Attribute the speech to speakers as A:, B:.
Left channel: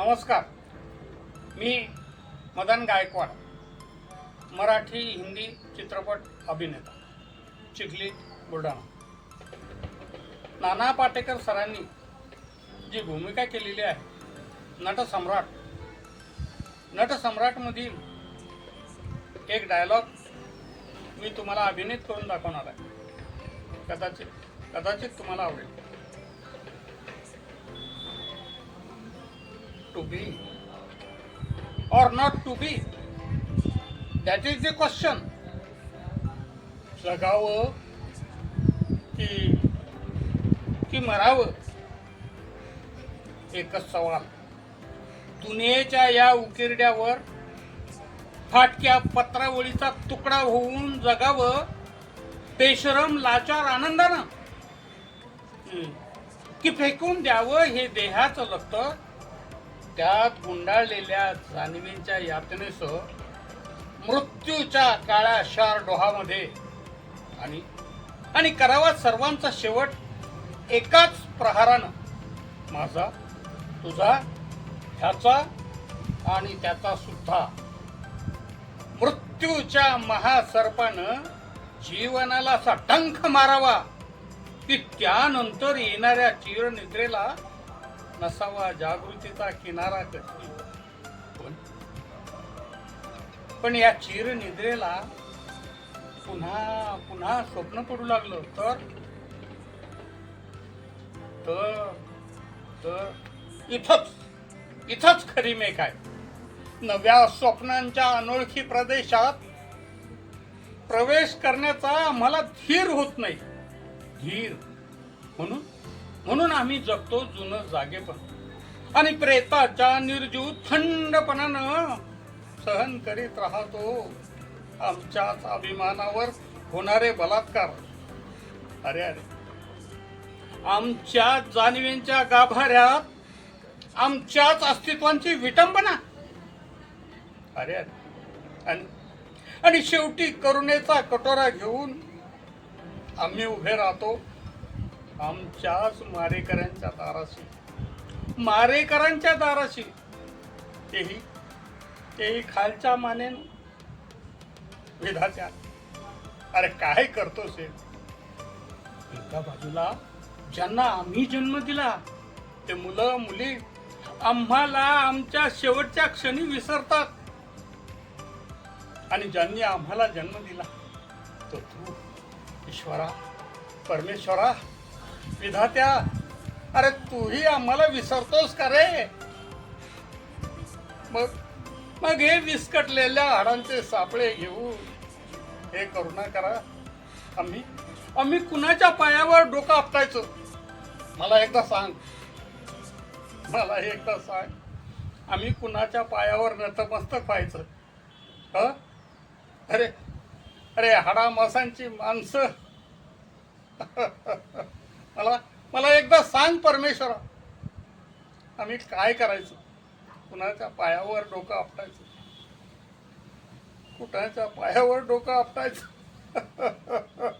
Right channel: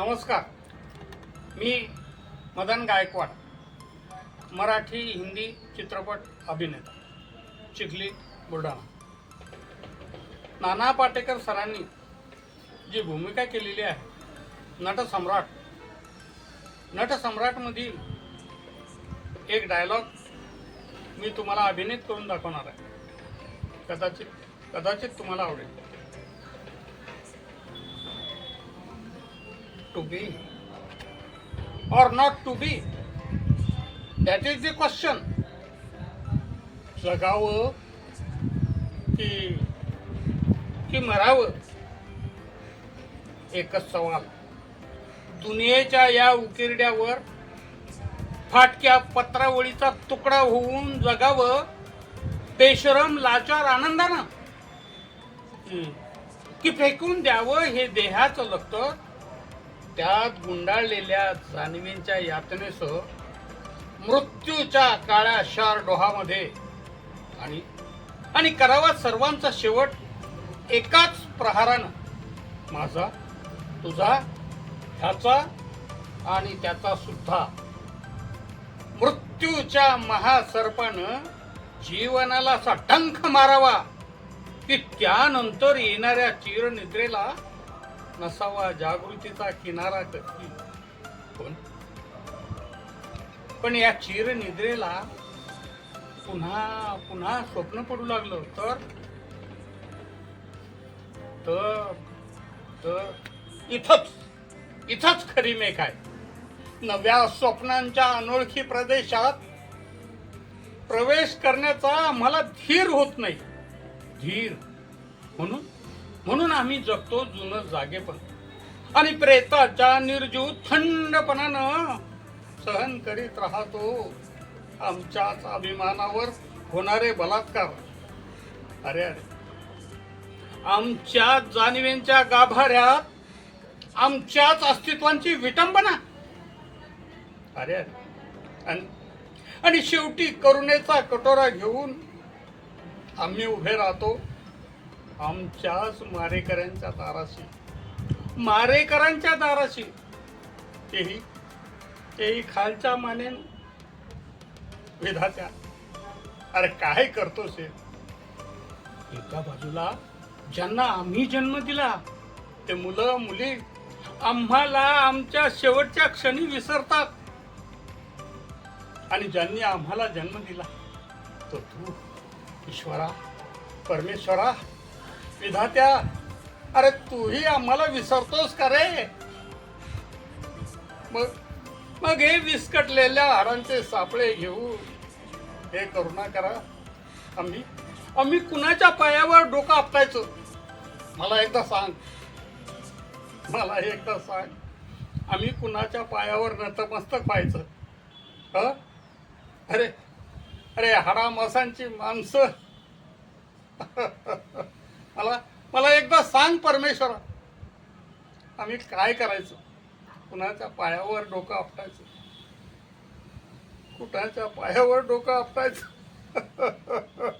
A: नमस्कार. मी मदन गायकवाड मराठी हिंदी चित्रपट अभिनेता चिखली बुलढाणा. नाना पाटेकर सरांनी जी भूमिका केलेली आहे नटसम्राट नटसम्राटमधील एक डायलॉग मी तुम्हाला अभिनीत करून दाखवणार आहे. कदाचित कदाचित तुम्हाला आवडेल. To be or not to be. That is the question. जगावं की की मरावं? एकच सवाल. दुनियेच्या या उकिरड्यावर फाटक्या पत्रावळीचा तुकडा होऊन जगावं बेशरम लाचार आनंदानं. की- फेकून द्यावं हे देहाचं लतं त्यात गुंडाळलेल्या जाणवींच्या यातनेसह मृत्यूच्या काळ्या शार डोहामध्ये आणि आणि करावा सर्वांचा शेवट एकाच प्रहारानं माझा तुझा ह्याचा आणि त्याचा सुद्धा. मृत्यूच्या महासर्पानं जीवनाला असा टंख मारावा की त्यानंतर येणाऱ्या चिरनिद्रेला नसावा जागृतीचा किनारा कशी? पण पण या चिरनिद्रेला पुन्हा पुन्हा स्वप्न पडू लागलं. तर? तर तर इथंच इथंच खरी मेघ आहे. नव्या स्वप्नांच्या अनोळखी प्रदेशात प्रवेश करण्याचा आम्हाला धीर होत नाही. धीर. म्हणून म्हणून आम्ही जगतो जुनं जागेपण. आणि प्रेताच्या निर्जीव थंडपणानं सहन करीत राहतो. आमच्याच अभिमानावर होणारे बलात्कार. अरे अरे. आमच्या जाणीवेंच्या गाभाऱ्यात आमच्याच अस्तित्वांची विटंबना. अरे अरे. आणि आणि शेवटी करुणेचा कटोरा घेऊन आम्ही उभे राहतो. आमच्याच मारेकऱ्यांच्या दाराशी. मारेकरांच्या दाराशी. तेही तेही खालच्या मानेन विधाच्या अरे काय करतोस हे एका बाजूला ज्यांना आम्ही जन्म दिला ते मुलं मुली आम्हाला आमच्या शेवटच्या क्षणी विसरतात. आणि ज्यांनी आम्हाला जन्म दिला तो तू ईश्वरा परमेश्वरा विधात्या अरे तूही आम्हाला विसरतोस का रे? मग मग हे विस्कटलेल्या हाडांचे सापळे घेऊ. हे करुणा करा. आम्ही आम्ही कुणाच्या पायावर डोकं आपटायचो? मला एकदा सांग. मला एकदा सांग. आम्ही कुणाच्या पायावर नतमस्तक व्हायचं? ह? अरे अरे हाडामासांची माणसं. मला मला एकदा सांग परमेश्वरा. आम्ही काय करायचं? कुणाच्या पायावर डोकं आपटायचं? कुणाच्या पायावर डोकं आपटायचं?